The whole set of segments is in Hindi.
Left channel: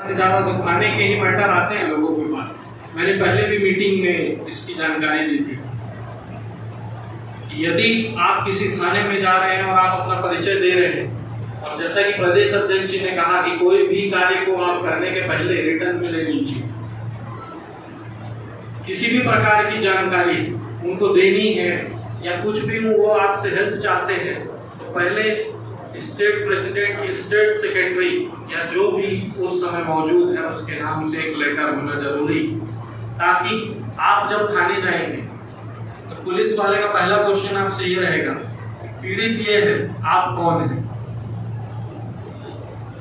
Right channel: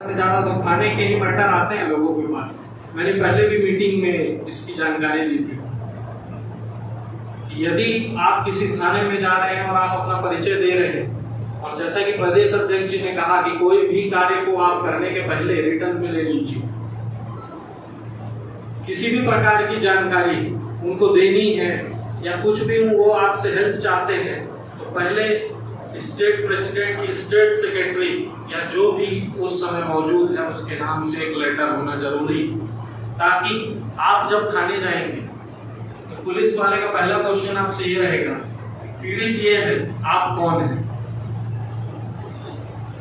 से ज़्यादा तो खाने के ही मैटर आते हैं लोगों के पास। मैंने पहले भी मीटिंग में इसकी जानकारी दी थी कि यदि आप किसी थाने में जा रहे हैं और आप अपना परिचय दे रहे हैं, और जैसा कि प्रदेश अध्यक्ष जी ने कहा कि कोई भी कार्य को आप करने के पहले रिटर्न में ले लीजिए, किसी भी प्रकार की जानकारी उनको देनी है या कुछ भी वो आपसे हेल्प चाहते हैं तो पहले स्टेट प्रेसिडेंट, स्टेट सेक्रेटरी या जो भी उस समय मौजूद है उसके नाम से एक लेटर होना जरूरी, ताकि आप जब थाने जाएंगे तो पुलिस वाले का पहला क्वेश्चन आपसे ये रहेगा, पीड़ित ये है, आप कौन हैं?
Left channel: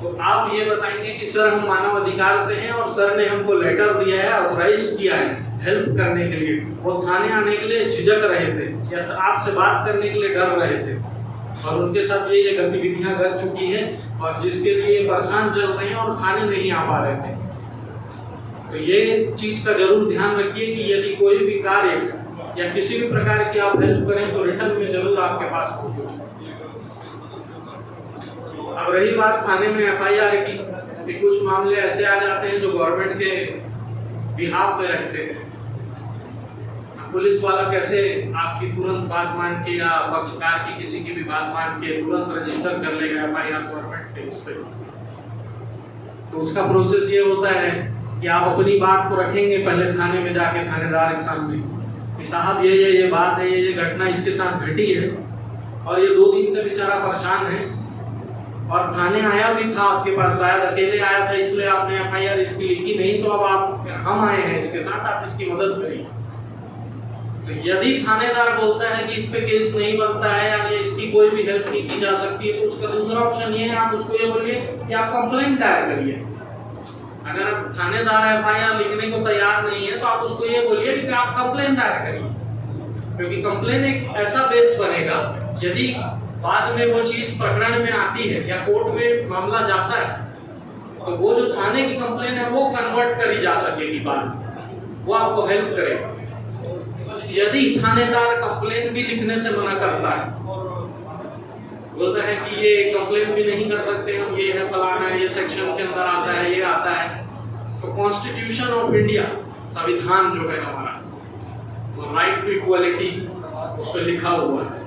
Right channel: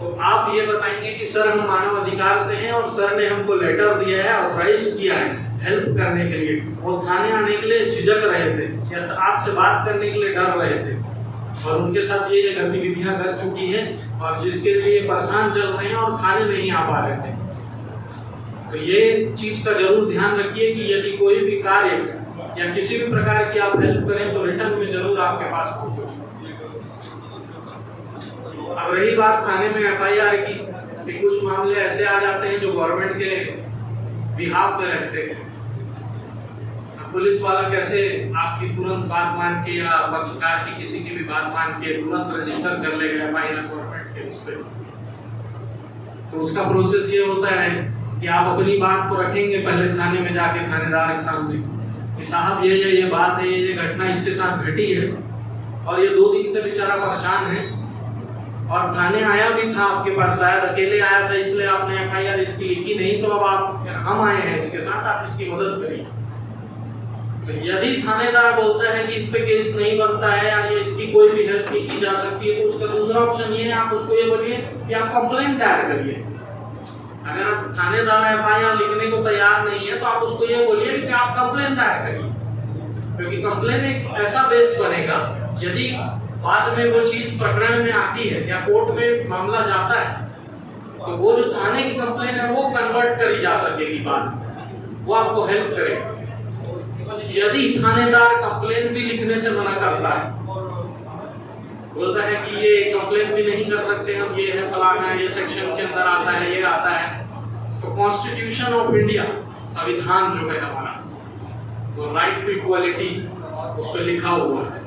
तो आप ये बताएंगे कि सर हम मानव अधिकार से हैं और सर ने हमको लेटर दिया है, ऑथराइज किया है हेल्प करने के लिए। वो थाने आने के लिए झिझक रहे थे या आपसे बात करने के लिए डर रहे थे और उनके साथ ये गतिविधियां कर चुकी है और जिसके लिए परेशान चल रहे हैं और थाने नहीं आ पा रहे थे। तो ये चीज का जरूर ध्यान रखिए कि यदि कोई भी कार्य या किसी भी प्रकार की आप हेल्प करें तो रिटर्न में जरूर आपके पास पहुंचे। अब रही बात थाने में FIR की, कि कुछ मामले ऐसे आ जाते हैं जो गवर्नमेंट के बिहाफ में रहते हैं। पुलिस वाला कैसे आपकी तुरंत बात मान के या पक्षकार की किसी की भी बात मान के तुरंत रजिस्टर कर लेगा FIR गवर्नमेंट के उस पर। तो उसका प्रोसेस ये होता है कि आप अपनी बात को रखेंगे पहले थाने में जाके थानेदार के सामने कि साहब ये बात है, ये घटना इसके साथ घटी है और ये 2 दिन से बेचारा परेशान है और थाने आया भी था आपके पास, शायद अकेले आया था इसलिए आपने FIR इसकी लिखी नहीं, तो अब हम आए हैं इसके साथ, आप इसकी मदद करिए। तो यदि थानेदार बोलता है कि इस पे केस नहीं बनता है या इसकी कोई भी हेल्प नहीं की जा सकती है, तो उसका दूसरा ऑप्शन ये है, आप उसको ये बोलिए कि आप कंप्लेंट दायर करिए। अगर आप थानेदार FIR लिखने को तैयार नहीं है तो आप उसको ये बोलिए कि आप कंप्लेंट दायर करिए, क्योंकि कंप्लेंट एक ऐसा बेस बनेगा, यदि बाद में वो चीज प्रकरण में आती है या कोर्ट में मामला जाता है तो वो जो थाने की कंप्लेंट है वो कन्वर्ट करी जा सकेगी, बाद वो आपको हेल्प करेगा। यदि थानेदार कंप्लेन भी लिखने से मना करता है, बोलता है कि ये कंप्लेन भी नहीं कर सकते हम, ये है फलाना है, ये सेक्शन के अंदर आता है, ये आता है, तो कॉन्स्टिट्यूशन ऑफ इंडिया, संविधान जो है हमारा, तो राइट टू इक्वालिटी उस पर लिखा हुआ है,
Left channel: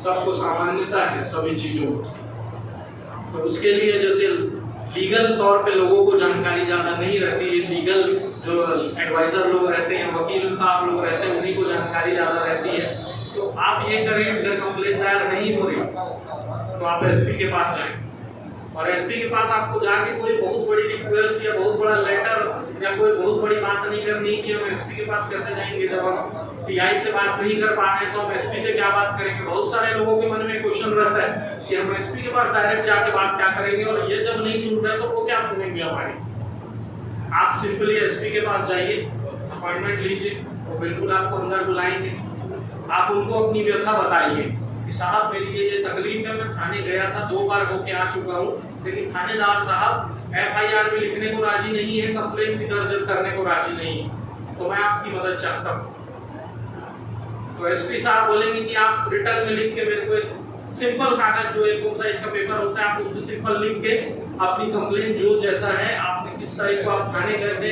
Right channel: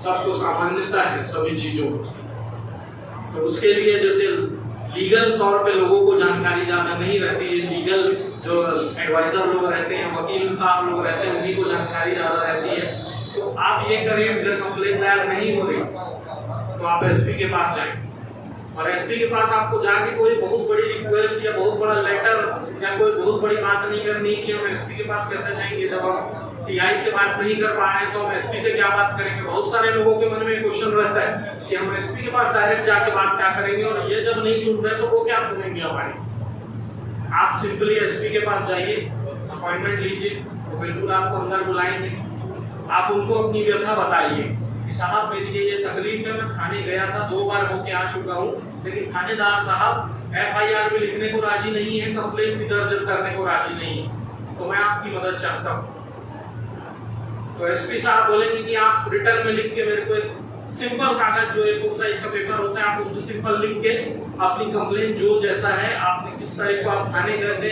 सबको सामान्यता है सभी चीजों को। तो उसके लिए जैसे लीगल तौर पे लोगों को जानकारी ज्यादा नहीं रहती है, लीगल जो एडवाइजर लोग रहते हैं, वकील साहब लोग रहते हैं, उन्हीं को जानकारी ज्यादा रहती है। तो आप ये करें, अगर कंप्लेंट दायर नहीं हो रही तो आप SP के पास जाएं और SP के पास आपको जाके कोई बहुत बड़ी रिक्वेस्ट या बहुत बड़ा लेटर या कोई बहुत बड़ी बात नहीं करनी कि हम SP के पास कैसे जाएंगे, जब हम TI से बात नहीं कर पा रहे हैं तो हम SP से क्या बात करेंगे। बहुत सारे लोगों के मन में क्वेश्चन रहता है कि हम SP के पास डायरेक्ट जाके बात क्या करेंगे, और ये जब नहीं सुन रहे तो वो क्या सुनेंगे हमारी। आप सिंपली SP के पास जाइए, अपॉइंटमेंट लीजिए, वो बिल्कुल आपको अंदर बुलाएंगे। आप उनको अपनी व्यथा बताइए कि साहब मेरी ये तकलीफ है, मैं थाने गया था, 2 बार होके आ चुका हूँ, लेकिन थानेदार साहब FIR भी लिखने को राजी नहीं है, कंप्लेंट भी दर्ज करने को राजी नहीं है, तो मैं आपकी मदद चाहता हूँ। तो SP साहब बोलेंगे कि आप रिटर्न में लिख के मेरे को एक सिंपल कागज जो A4 साइज का पेपर होता है, आप उसमें सिंपल लिख के अपनी कंप्लेंट जो जैसा है, आपने किस तारीख को आप थाने गए थे,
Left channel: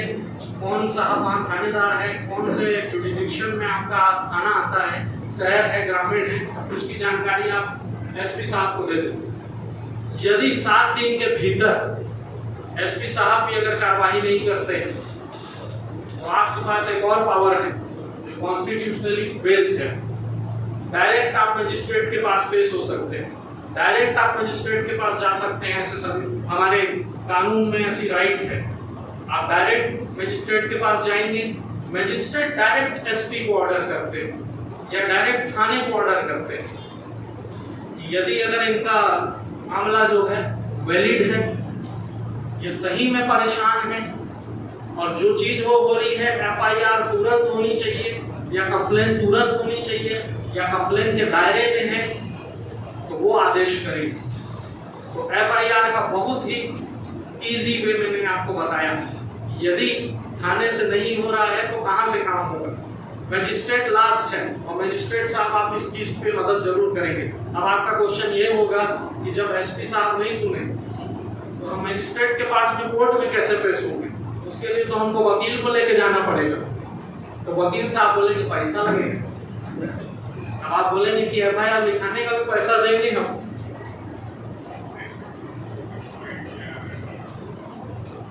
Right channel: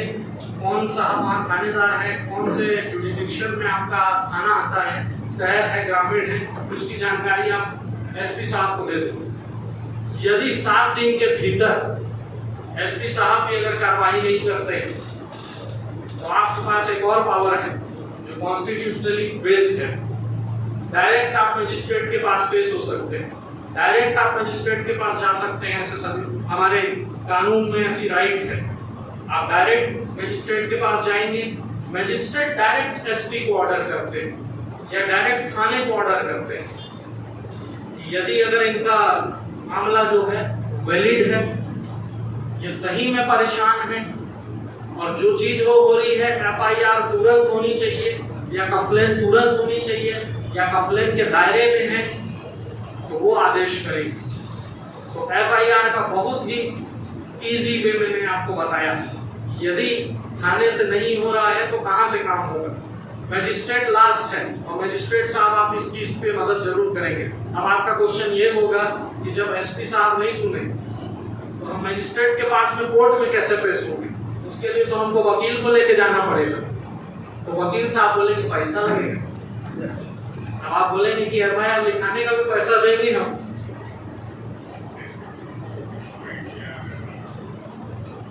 कौन सा वहाँ थानेदार है, कौन से जुरिडिक्शन में आपका थाना आता है, शहर है, ग्रामीण है, उसकी जानकारी आप SP साहब को दे दो। यदि 7 दिन के भीतर SP साहब भी अगर कार्रवाई नहीं करते तो आपके पास एक और पावर है जो कॉन्स्टिट्यूशनली बेस्ड है। डायरेक्ट आप मजिस्ट्रेट के पास पेश हो सकते हैं, डायरेक्ट आप मजिस्ट्रेट के पास जा सकते हैं, ऐसे सभी हमारे कानून में ऐसी राइट है। आप डायरेक्ट मजिस्ट्रेट के पास जाएंगे, मजिस्ट्रेट डायरेक्ट SP को ऑर्डर करते हैं या डायरेक्ट थाने को ऑर्डर करते हैं। यदि अगर इनका मामला जो है वैलिड है, ये सही में परेशान है और जो चीज हो रही है FIR तुरंत होनी चाहिए या कंप्लेन तुरंत होनी चाहिए या कंप्लेन के दायरे में है, तो वो आदेश करेंगे। तो FIR का बहुत ही इजी वे मैंने आपको बताया। यदि थाने से नहीं हो रहा है तो कहां से काम होगा। मजिस्ट्रेट लास्ट है और मजिस्ट्रेट साहब आप इस चीज पे मदद जरूर करेंगे। अब आपका क्वेश्चन ये होगा कि जब SP साहब नहीं सुने तो हम मजिस्ट्रेट के पास में कोर्ट में कैसे पेश होंगे? उसके लिए तो हमको वकील को लेके जाना पड़ेगा। तो वकील साहब बोलेंगे पैसा लगेगा। अब आप बोलेंगे कि एफआईआर लिखाने का भी पैसा देंगे हम।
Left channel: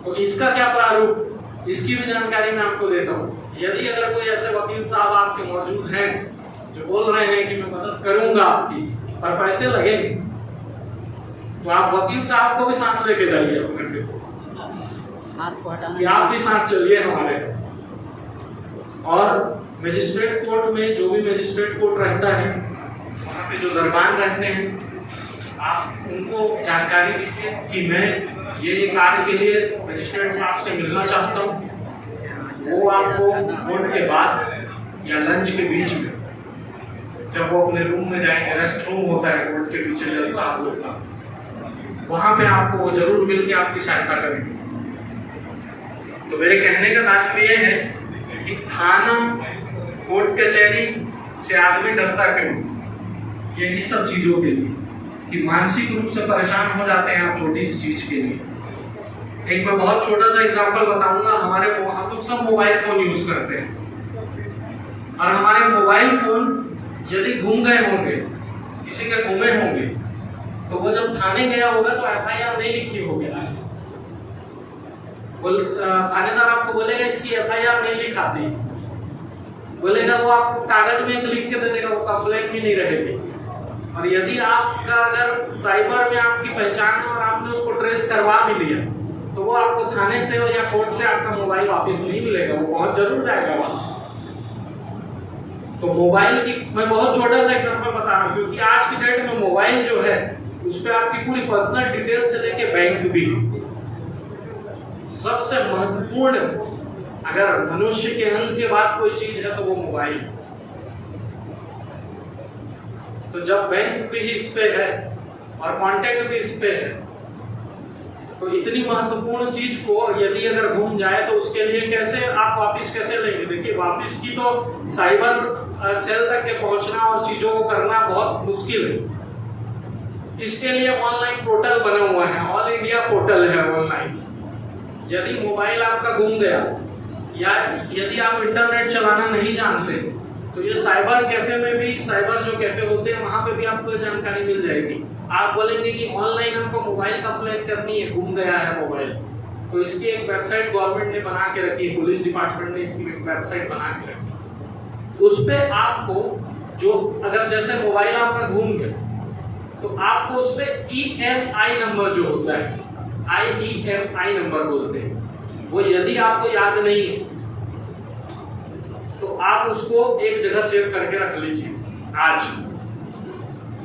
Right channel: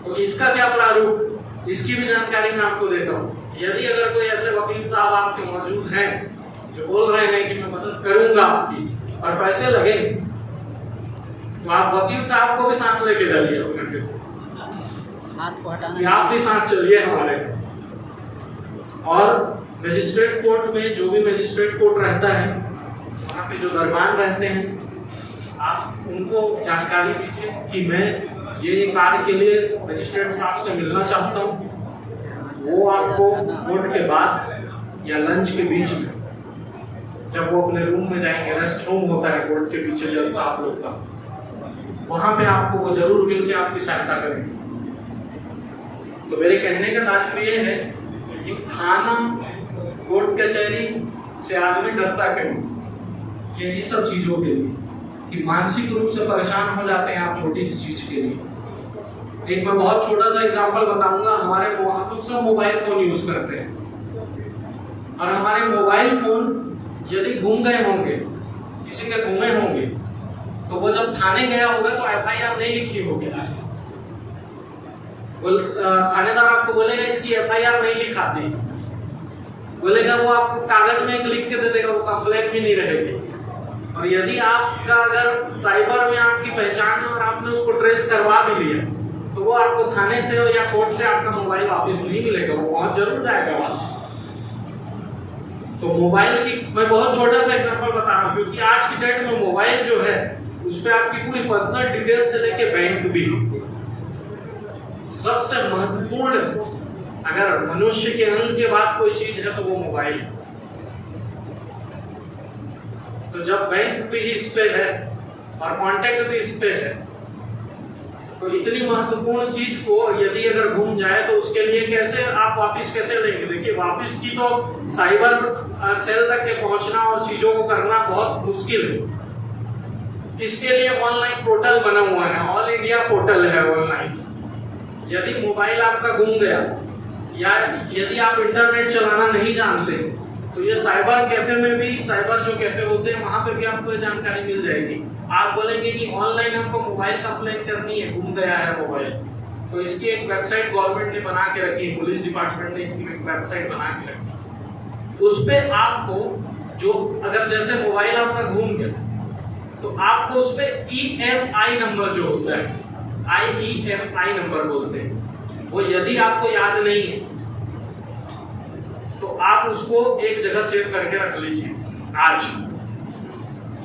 तो इसका क्या प्रारूप, इसकी भी जानकारी मैं आपको देता हूँ। यदि अगर कोई ऐसे वकील साहब आपके मौजूद हैं जो बोल रहे हैं कि मैं मदद करूंगा आपकी और पैसे लगेंगे, तो आप वकील साहब को भी साथ लेके जाइए अपने फिर कि आप भी साथ चलिए हमारे। और मजिस्ट्रेट कोर्ट में जो भी मजिस्ट्रेट कोर्ट रहता है, वहाँ पे जो दरबान रहते हैं, आप उनको जानकारी दीजिए कि मैं ये कार्य के लिए मजिस्ट्रेट साहब से मिलना चाहता हूँ। वो आपको कोर्ट के बाद या लंच के बीच में, जब वो अपने रूम में जाएंगे, रेस्ट रूम होता है कोर्ट के पीछे जज साहब लोग का, वहाँ पे आपको वो जरूर मिल के आपकी सहायता करेंगे। तो मेरे कहने का तात्पर्य है कि थाना, कोर्ट कचहरी से आदमी डरता क्यों? यही सब चीजों के लिए कि मानसिक रूप से परेशान हो जाते हैं आप छोटी सी चीज के लिए। एक मैं बहुत छोटा सा एग्जांपल बताऊंगा। हम लोग सब मोबाइल फोन यूज करते हैं, और हमारे मोबाइल फोन यदि घूम गए होंगे, किसी के घूमे होंगे, तो वो जब थाने गया होगा तो एफआईआर नहीं लिखी होगी। थानेदार आपको बोलेगा इसकी एफआईआर नहीं लिखाती, बोलेगा वो आपको कागज में एक लिख के दे देगा, वो कंप्लेंट भी नहीं रहेगी। और यदि आपका अगर साइबर में आपकी पहचान है और आपने उसको ट्रेस करवा भी लिया, तो वो आपको थाने से या कोर्ट से आपका मोबाइल वापस नहीं मिलेगा, वो पहुंच जरूर जाएगा वहां। तो मोबाइल की मैं बहुत छोटा सा एग्जांपल बता रहा हूँ, क्योंकि आज की डेट में मोबाइल जो है उस पर आपकी पूरी पर्सनल डिटेल से लेके बैंक भी। सबसे महत्वपूर्ण अगर मनुष्य के अंग के बाद कोई चीज है तो वो मोबाइल। तो जब बैंक भी इस पे है और कांटेक्ट भी इस पे है, तो इतनी महत्वपूर्ण चीज को यदि अगर घूम जाए तो उसके लिए कैसे आप वापस कैसे लेंगे? देखिए, वापस की तो साइबर सेल तक के पहुंचना और चीजों को करना बहुत मुश्किल है। इसके लिए ऑनलाइन पोर्टल बना हुआ है, ऑल इंडिया पोर्टल है ऑनलाइन। यदि मोबाइल आपका गुम गया या यदि आप इंटरनेट चलाना नहीं जानते, तो ये साइबर कैफे में भी, साइबर जो कैफे होते हैं वहां पे भी आपको ये जानकारी मिल जाएगी। आप बोलेंगे कि ऑनलाइन हमको मोबाइल कंप्लेंट करनी है, गुम गया है मोबाइल, तो इसकी एक वेबसाइट गवर्नमेंट ने बना के रखी है, पुलिस डिपार्टमेंट ने इसकी एक वेबसाइट बना के रखी है। उस पे आपको जो अगर जैसे मोबाइल आपका घूम गया तो आपको उस पे EMI नंबर जो होता है, IEMI नंबर बोलते हैं, वो यदि आपको याद नहीं है तो आप उसको एक जगह सेव करके रख लीजिए आज।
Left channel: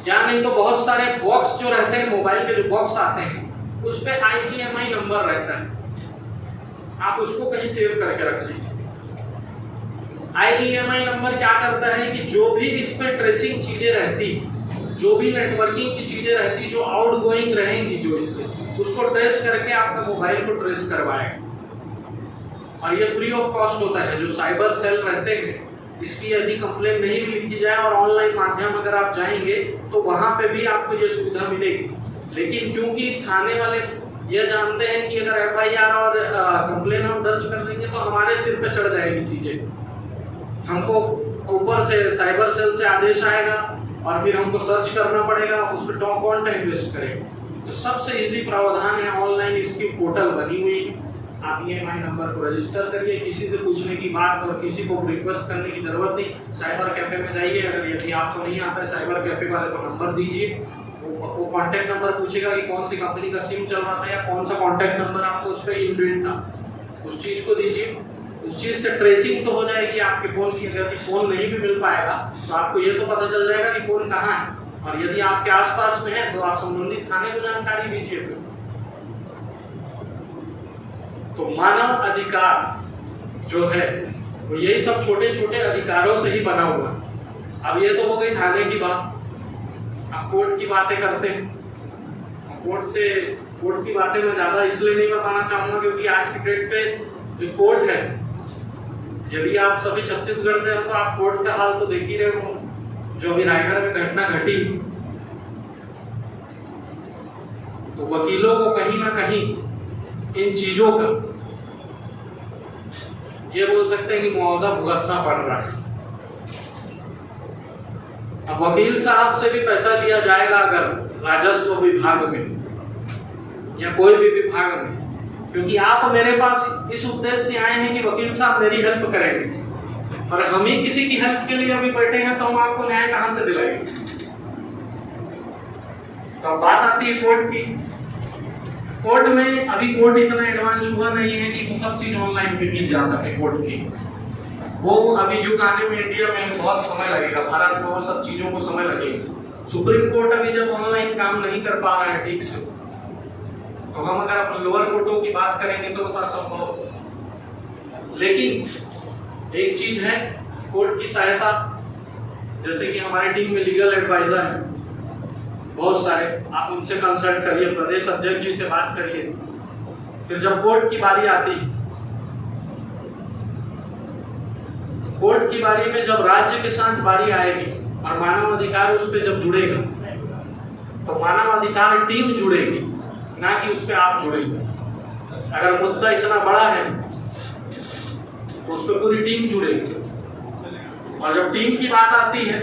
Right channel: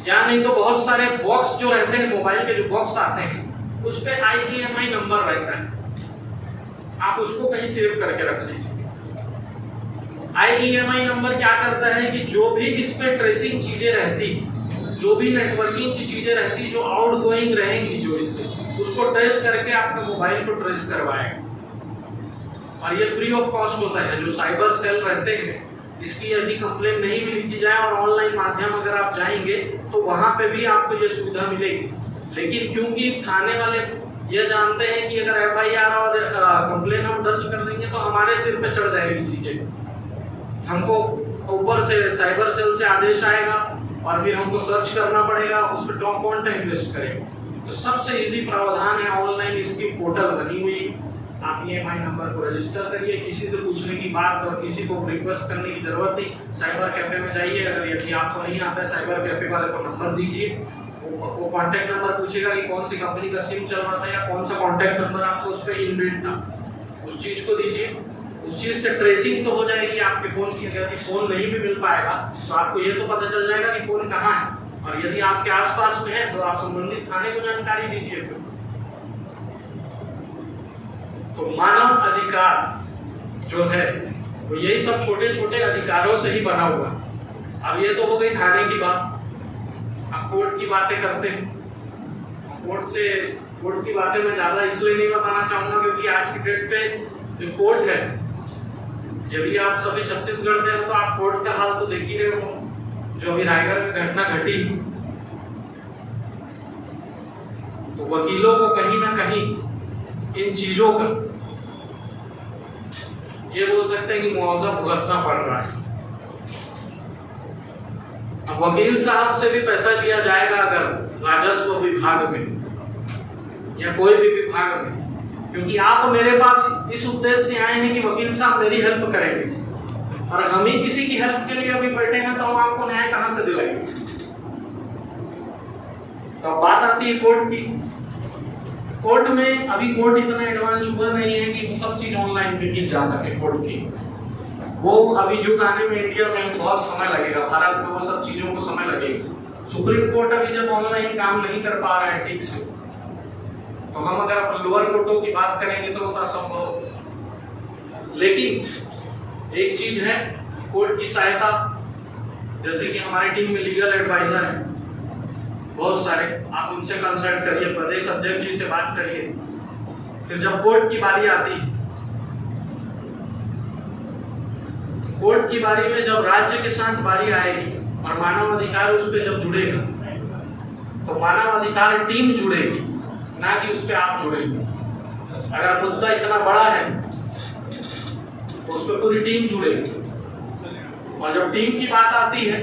या नहीं तो बहुत सारे बॉक्स जो रहते हैं, मोबाइल के जो बॉक्स आते हैं, उस पे IEMI नंबर रहता है, आप उसको कहीं सेव करके रख लीजिए। IEMI नंबर क्या करता है कि जो भी इस पे ट्रेसिंग चीजें रहती, जो भी नेटवर्किंग की चीजें रहती, जो आउटगोइंग रहेंगी जो इससे, उसको ट्रेस करके आपके मोबाइल को ट्रेस करवाएगा। और ये फ्री ऑफ कॉस्ट होता है। जो साइबर सेल रहते हैं, इसकी यदि कंप्लेन नहीं भी लिखी जाए और ऑनलाइन माध्यम अगर आप जाएंगे तो वहां पे भी आपको ये सुविधा मिलेगी। लेकिन क्योंकि थाने वाले ये जानते हैं कि अगर FIR और कंप्लेन हम दर्ज कर देंगे तो हमारे सिर पे चढ़ जाएगी चीजें, हमको ऊपर से साइबर सेल से आदेश आएगा और फिर हमको सर्च करना पड़ेगा, उस पर कौन टाइम वेस्ट करेगा। तो सबसे इजी प्रावधान है, ऑनलाइन इसकी पोर्टल बनी हुई, आप EMI नंबर को रजिस्टर करिए। किसी से पूछने की बात और किसी को रिक्वेस्ट करने की जरूरत नहीं। साइबर कैफे में जाइए, अगर यदि आपको नहीं आता है, साइबर कैफे वाले को नंबर दीजिए, वो कांटेक्ट नंबर पूछेगा कि कौन सी कंपनी का सिम चल रहा था या कौन सा कांटेक्ट नंबर आपको उस पर इनबिल्ट था, उस चीज को दीजिए। उस चीज से ट्रेसिंग तो हो जाएगी आपके फोन की। अगर फोन नहीं भी मिल पाएगा तो आपको ये तो पता चल जाएगा कि फोन कहाँ है, और यदि आपके आसपास में है तो आप संबंधित थाने को जानकारी दीजिए। फिर तो मानव अधिकार जो है वो यही सब छोटे छोटे अधिकारों से ही बना हुआ। अब ये तो हो गई थाने की बात। अब कोर्ट की बातें करते हैं। कोर्ट की बातें मैं ज्यादा इसलिए नहीं बताना चाहूंगा क्योंकि आज की डेट पे जो कोर्ट है, यदि आप सभी छत्तीसगढ़ से हो तो आप कोर्ट का हाल तो देख ही रहे हो, जो अभी रायगढ़ में घटना घटी। तो वकीलों को कहीं ना कहीं इन चीजों का ये बोल सकते हैं कि मुआवजा भुगतना पड़ रहा है। अब वकील साहब से भी पैसा लिया जाएगा अगर राजस्व विभाग में या कोई भी विभाग में, क्योंकि आप मेरे पास इस उद्देश्य से आए हैं कि वकील साहब मेरी हेल्प करेंगे, और हम ही किसी की हेल्प के लिए अभी बैठे हैं तो हम आपको न्याय कहां से दिलाएंगे। तो बात आती है कोर्ट की। कोर्ट में अभी कोर्ट इतना एडवांस हुआ नहीं है कि वो सब चीज ऑनलाइन पे की जा सके। कोर्ट की वो अभी युग आने में इंडिया में बहुत समय लगेगा, भारत में वो सब चीजों को समय लगेगा। सुप्रीम कोर्ट अभी जब ऑनलाइन काम नहीं कर पा रहा है ठीक से, तो हम अगर लोअर कोर्टों की बात करेंगे तो उतना संभव। लेकिन एक चीज है, कोर्ट की सहायता, जैसे कि हमारी टीम में लीगल एडवाइजर है बहुत सारे, आप उनसे कंसल्ट करिए, प्रदेश अध्यक्ष जी से बात करिए। फिर जब कोर्ट की बारी आती है, कोर्ट की बारी में जब राज्य के साथ बारी आएगी और मानव अधिकार उस पर जब जुड़ेगा, तो मानव अधिकार टीम जुड़ेगी, ना कि उस पर आप जुड़ेंगे। अगर मुद्दा इतना बड़ा है तो उस पर पूरी टीम जुड़ेगी, और जब टीम की बात आती है